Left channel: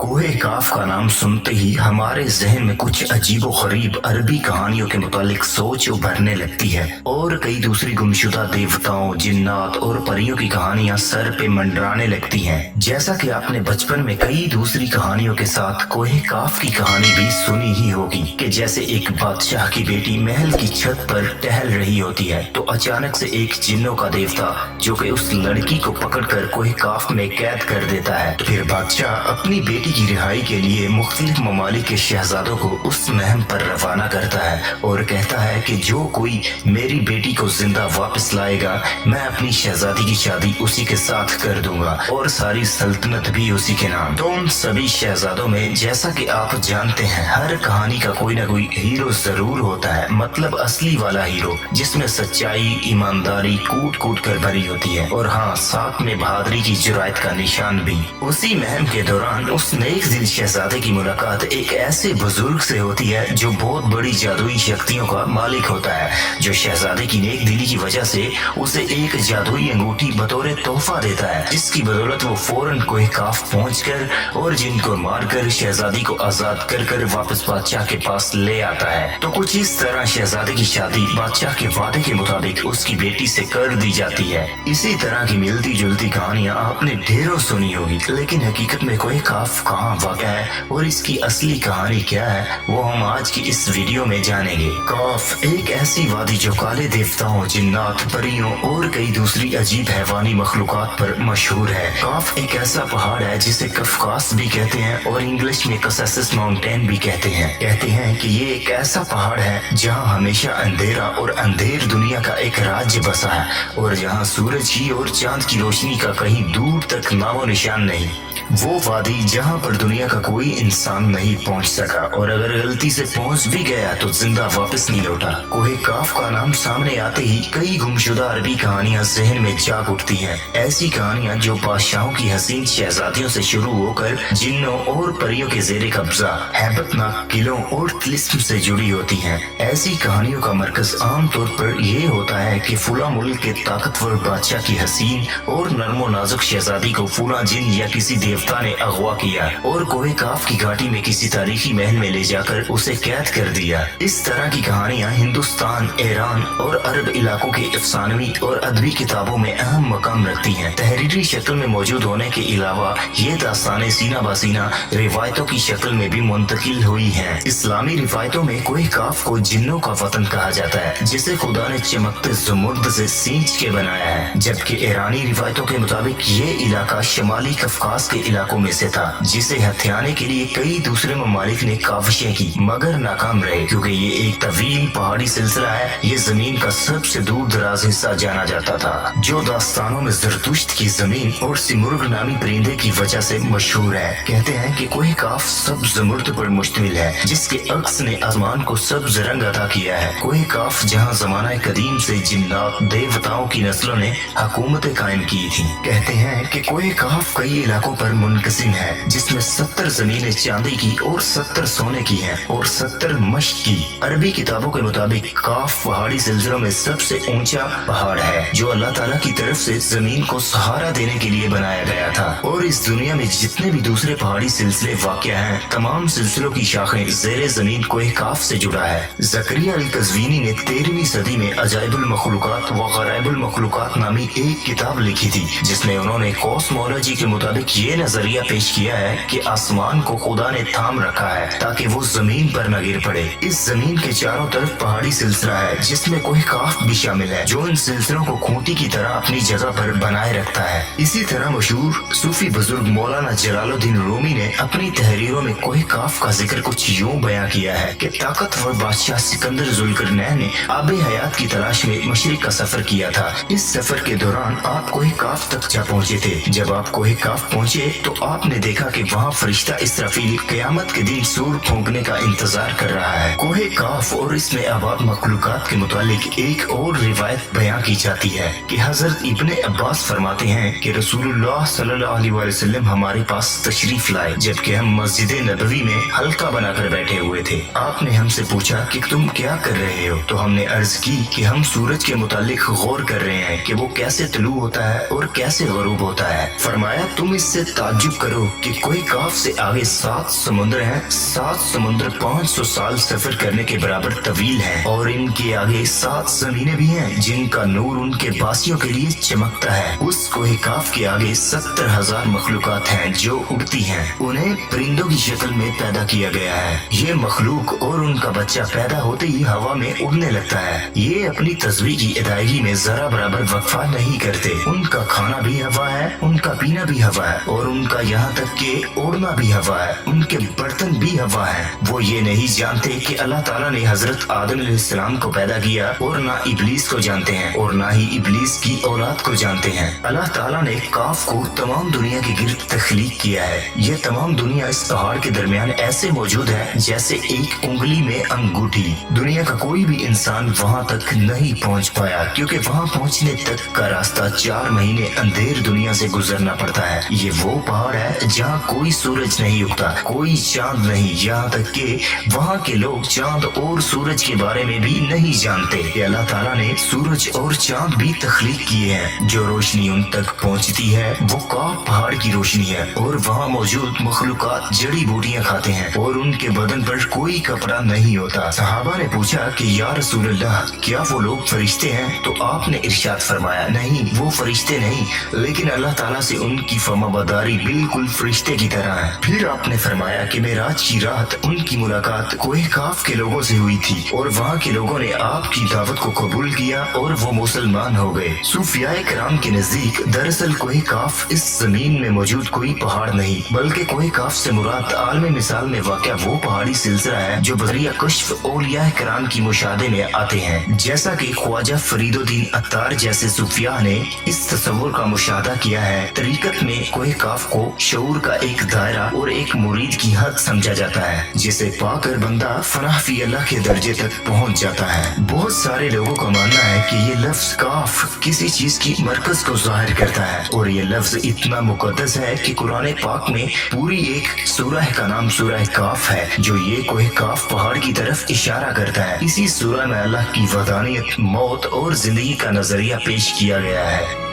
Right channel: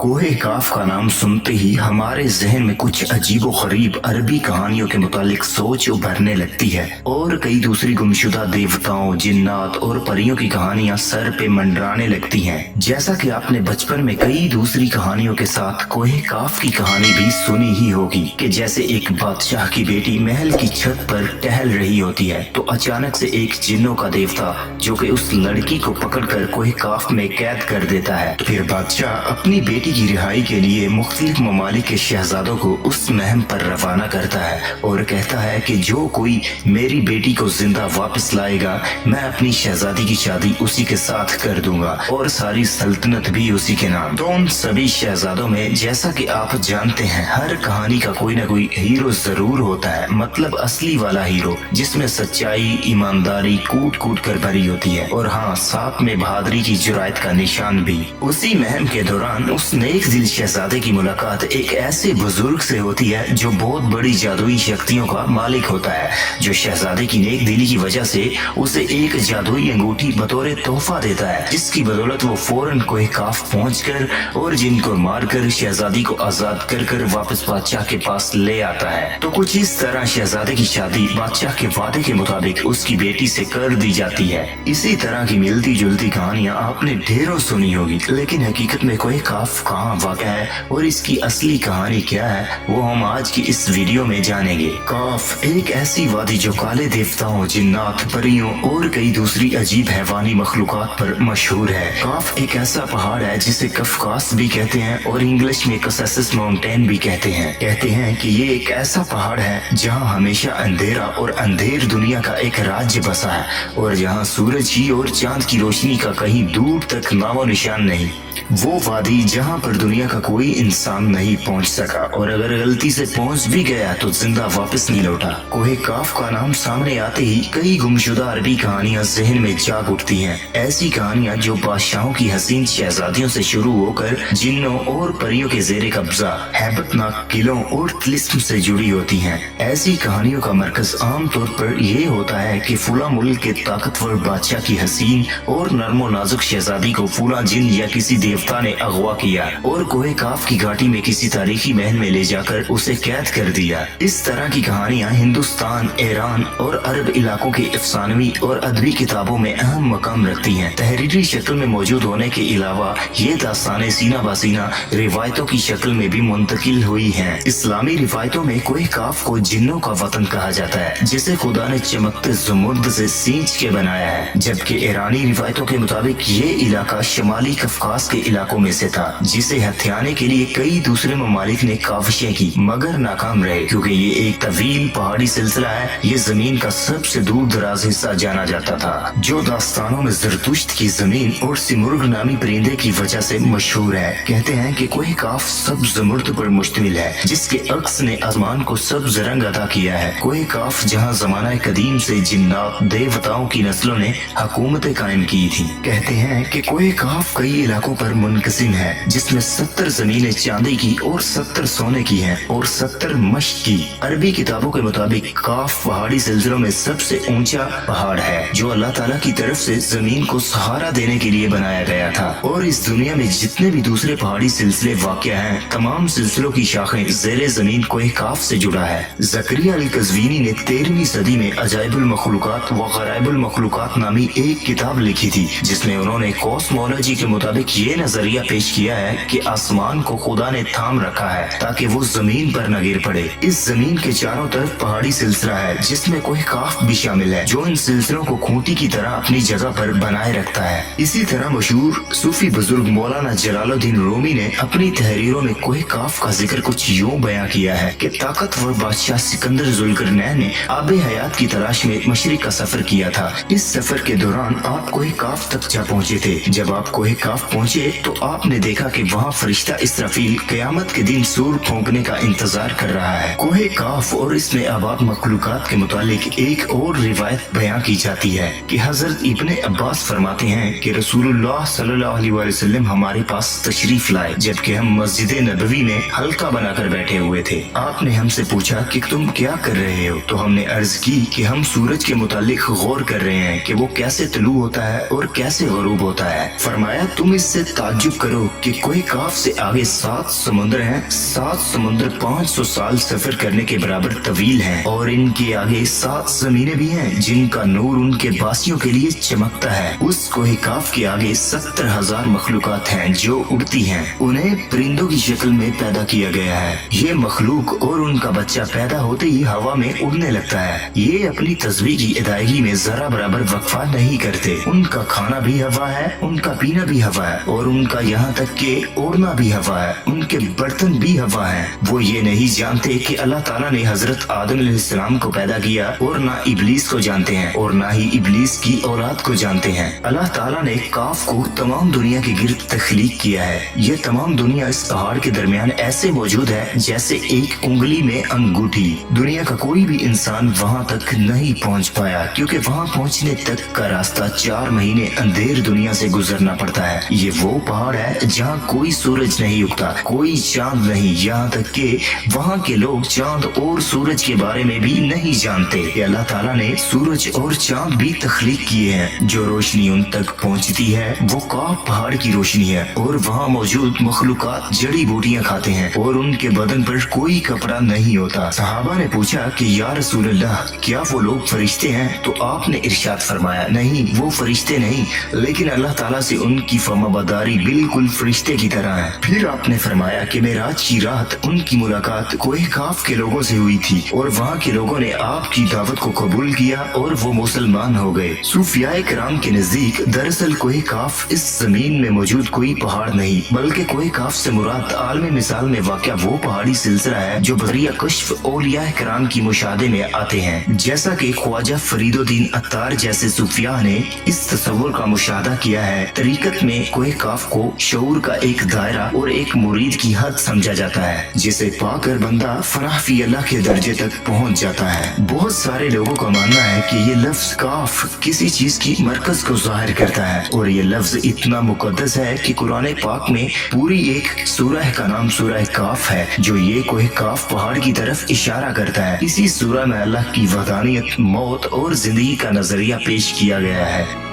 कोहे काफ का नाम सुनते ही हमारे जहन में कुछ अजीबो गरीब अरबी कहानियों के मुतालिक सोच उभरने लगती है और कई दूसरी गुमशुदा देवताओं, जिन्नात और परियों की कहानियां सर पे मंडराने लगती हैं। जैसा कि आपने बचपन में कई दूसरी कहानियों के साथ कोहे काफ की कहानी भी सुनी ही होगी कि जैसे एक बादशाह की बेटी महल की छत पर टहल रही होती है तो अचानक से एक जिन्नों का देवता जो कि उस लड़की को पकड़कर कोहे काफ में कैद कर देता है। तो फिर बादशाह अपनी बेटी की रिहाई के लिए मुख्तलिफ ममालिक के शहजादों को उस महम पर रवाना करता है और कहता है कि जो कोई मेरी बेटी को जिंदा वापस लाएगा मैं अपनी शहजादी की शादी उसी के साथ कर दूंगा और सारी सल्तनत भी उसी के नाम। तो उन सभी शहजादों में जैसा कि आप जानते हैं हर कहानी का कोई ना कोई हीरो जरूर होता है, मतलब असली वाला हीरो जिसमें सच्चाई, ईमानदारी कूट कूट कर भरी होती है और हाँ साथ में बहादुरी की जुरायत का निशान भी। उसी महम के दौरान उस नेक दिल शहजादे की मुलाकात एक ऐसे बुजुर्ग से होती है जो बहुत बड़ी जादुई शक्तियों का मालिक होता है, जो शहजादे की नेक दिली की वजह से उसे एक जादुई अंगूठी बतौर तोहफा देता है, जिसकी बदौलत वो फौरन कोहे काफ पहुंचकर और जिनको मारकर शहजादी को आजाद कर कर वापस बादशाह के पास ले आता है। तो कुछ इस तरह शहजादे की शादी बादशाह के वादे के मुताबिक उसकी बेटी से कर दी जाती है। इसी तरह की मिलती जुलती कहानियां आपने ढेरों सुनी होगी, लेकिन हकीकत में कोहे काफ कहाँ वाक़ है और इसकी असली कहानी क्या है वो हम आज की इस वीडियो में जानेंगे। काफ एक ऐसी वादी जो काले देवताओं, जिन्नात, परियों और कई दूसरी अजीब हैवानी मखलूकात पर मशहूर है। काफ एक ऐसा पहाड़ है जिसे कफकास भी कहते हैं और इंग्लिश में कसासिस माउंटेन भी कहते हैं कि ये एक ऐसा पहाड़ है जहाँ हमेशा अंधेरा और अंधेर दुनिया का एक राज्य बसा है और जहाँ सूरज की और चांद की रोशनी का कहीं दूर तक नामो निशान नहीं। वो वादी जहाँ पर दुनिया का कोई इंसान नहीं पहुँच सका और अगर गलती से पहुँच भी गया तो जिंदा वापस नहीं लौटा। कोहे काफ का नाम सामने आते ही कई गुमशुदा अरबी कहानियां जहन में जाग उठती हैं। ऐसी कहानियां जो बादशाहों की हसीन शहजादियों से शुरू होकर जिन्नों और परियों के जेरे कब्जा हैबतनाक किलों और तिलिस्म से जुड़ी होती हैं। ऐसी कहानियों का मरकज आम तौर पर यह होता है कि फुला मुल्क के ताकतवर बादशाह की हसीन और नर्मो नाजुक शहजादी को फुला जिन या किसी देवता ने अगवा किया और कोहे काफ की घाटी में किसी तारीखी महल में ले जाकर उसे कैद कर दिया। इस तरह की कहानियां हिंदुस्तान, ईरान और अरब इलाकों के अफसानवी और अदबी किताबों में अहम मकाम रखती हैं। तहरीरी शक्ल में मौजूद होने के अलावा ये दास्तानें सीना बासीना रिवायतों की शक्ल में भी मुंतकिल हुई हैं। इस्लामी रिवायतों में कोहे काफ को जिन्नों का वतन कहा जाता है जिसे खुदा ने चमकते जुमुर्द से सींच के बनाया है, जबकि ईरानी रिवायतों के मुताबिक ये इलाका शमाली कफकास के इलाकों में से था जिसे हथियाने के लिए कई दूसरे ममालिक ने काविशें की मगर नाकाम रहे, क्योंकि ये एक तवील पहाड़ी सिलसिला है। ये जमीन का सबसे दूर दराज हिस्सा जाना जाता था जो दास्तानों में जरतुश्त की जमीन और सिमुर्ग नामी परिंदे की वजह से मशहूर है। कहते हैं कि कोहे काफ सब्ज जुमुर्द पर मुश्तमिल है जिसके अक्स ने आसमान को सब्ज रंग अदा किया है। कोहे काफ जहाँ जमाना कदीम से जिन्नात, देवताओं की नस्लों ने हुकूमतें कायम की थी। कहते हैं कि कोहे काफ कई इलाकों पर मुनकसिम है जिसमें 70 जमीनें चांदी की और 70 सोने की हैं और 70 मश्क की। अरबी किताबों के मुताबिक काफ पहाड़ी सिलसिलों में सबसे ऊंचा पहाड़ है जो अल्लाह ताला की तरफ से जमीन को सहारा देने के लिए बनाया गया था और इस दुनिया में जितने भी दूसरे पहाड़ी सिलसिले वाक़या हैं तमाम सिलसिलों की शाखें ज़ेरे जमीन कोहे काफ से जुड़ा है। ज़करिया अल कज़वीनी ने 13वीं सदी में अजाइबुल मखलूकात व गराइबुल मखलूकात नामी एक किताब लिखी थी जिसमें उन्होंने कॉस्मोलॉजी के मुताबिक ये नजरिया पेश किया है कि आसमान को खुदा ने थाम रखा है ताकि वो जमीन पर न गिर पड़े। इस जमीन के चारों तरफ पहाड़ी सिलसिला है जिसमें कोहे काफ भी शामिल है जो इन सिलसिलों को खूंटी की तरह अपनी जगह पर बनाए रखता है। इसी तरह मशहूर सूफी बुजुर्ग मौलाना जलालुद्दीन रूमी ने अपनी तहरीरों में कोहे काफ का जिक्र कुछ यूं बयां किया है कि ताकतवर बादशाह सिकंदर जुल्करनैन ने आबे हयात की तलाश में मशरिक का सफर किया था। इस सफर के दौरान आप कोहे काफ तक जा पहुँचे थे। जब आप कोहे काफ पहुँचे तो आपने देखा कि वहाँ फरिश्ता इसराफील क़यामत के दिन सूर फूंकने का इंतजार कर रहा है। कोहे काफ और इसमें आबाद मखलूकात के मुतालिक एक और रिवायत बयां की जाती है कि हजरत इब्ने अब्बास फरमाते हैं कि रसूलुल्लाह सल्लल्लाहु अलैहि वसल्लम हमारे पास तशरीफ लाए जबकि हम मस्जिद नबवी में हल्का बनाकर बैठे हुए थे। आपने हमसे पूछा कि तुम क्या कर रहे हो, तो हमने अर्ज की कि हम सूरज के मुतालिक गौर कर रहे हैं कि वो कैसे तलू होता है और कैसे गरूब होता है। फरमाया तुम इससे ताज्जुब करो कि कोई काफ से आगे 7 समुद्र हैं। 7 समुद्र 500 साल सफर करने के बराबर तवील हैं और इनके आगे 7 जमीनें भी हैं जिनका नूर उनके बासियों के लिए चमकता है। उस कोहे काफ के आगे 70,000 मखलूकात हैं जो उड़ती हैं। उन्हें परिंदों की शक्ल में पैदा किया गया है। ये मखलूक और उनका बच्चा पैदा होते ही हवा में उड़ने लगता है। ये अपनी तस्वीर की अदायगी में जरा बराबर वक्फा नहीं करते। उनका खाना भी हवा है, उनका पीना भी हवा है और उनका यहाँ तक के ओढ़ना भी हवा है। उनके बर्तन भी हवा है। वो ये नहीं जानते कि अल्लाह ताला ने हजरत आदम अलैहिस्सलाम को पैदा किया और ना इब्लीस को जानते हैं और ना ही इब्लीस की औलाद को जानते हैं। अल्लाह ताला ने काफ को तमाम दुनिया के गिर्द तख्लीक किया है। ये तमाम दुनिया इस पहाड़ के दरमियान ऐसे मौजूद है जैसे एक उंगली में अंगूठी। दुनिया का कोई भी इंसान वहाँ तक नहीं पहुँच पाया क्योंकि वहाँ पहुँचने तक का रास्ता 4 महीने अंधेर दुनिया से गुजरना पड़ता है। ये वो पहाड़ है जहाँ कोई सूरज नहीं उगता, कोई चांद नहीं, यहाँ तक कि वहाँ के लोग चांद और सूरज के बारे में भी नहीं जानते। अल्लाह ताला ने सूरज और चांद भी तख्लीक किए हैं। जो रोशनी उन तक पहुँचती है वो काफ पहाड़ की रोशनी है और वहाँ मौजूद मखलूकात जड़ी बूटियाँ खाते हैं और उनके बदन पर कोई कपड़ा नहीं होता। सहाबा ने पूछा कि या रसूल अल्लाह, क्या वो लोग फरिश्ते हैं? तो आपने इरशाद फरमाया, नहीं, वो फरिश्ते नहीं, लेकिन अल्लाह ताला से उनकी फर्माबरदारी बिल्कुल फरिश्ते की तरह है। फिर आपने फरमाया कि मेराज की रात उनकी मुलाकात कोहे काफ के लोगों से हुई थी और वहाँ के लोगों ने आपकी दावत को कबूल किया और वो मुसलमान हो गए। सूफियाए किराम के नजदीक दरअसल कोहे काफ इस जमीन में मौजूद कोई पहाड़ नहीं, बल्कि कोहे काफ से मुराद आलम मिसाल में वाक़या वो पहाड़ी सिलसिला है जो बजरिया कश्फ औलिया किराम की मुशाहदे में आते हैं। जैसा कि ख्वाजा फरीदुद्दीन अत्तार जैसे सूफिया ने इस तस्वुर का मुशाहदा किया है। तरीकत में कोहे काफ को शऊर का एक दायरा और एक मुरीद की हद समझा जाता है जिसे पाकर बंदा फनाह फी अल्लाह के दर्जे तक पहुंच जाता है। बहुत सारे लोगों का मानना है कि ये लफ्ज काफ किसी चीज की मरकज को जाहिर करता है और ये लफ्ज इतना मुकद्दस है कि कुरान पाक में पूरी एक सूरह का नाम सूरह काफ है जो ये कोहे काफ पहाड़ की तरफ इशारा करता है। इसी सूरह में अल्लाह की वहदानियत, मौत और जिंदगी का नजरिया पेश किया गया है।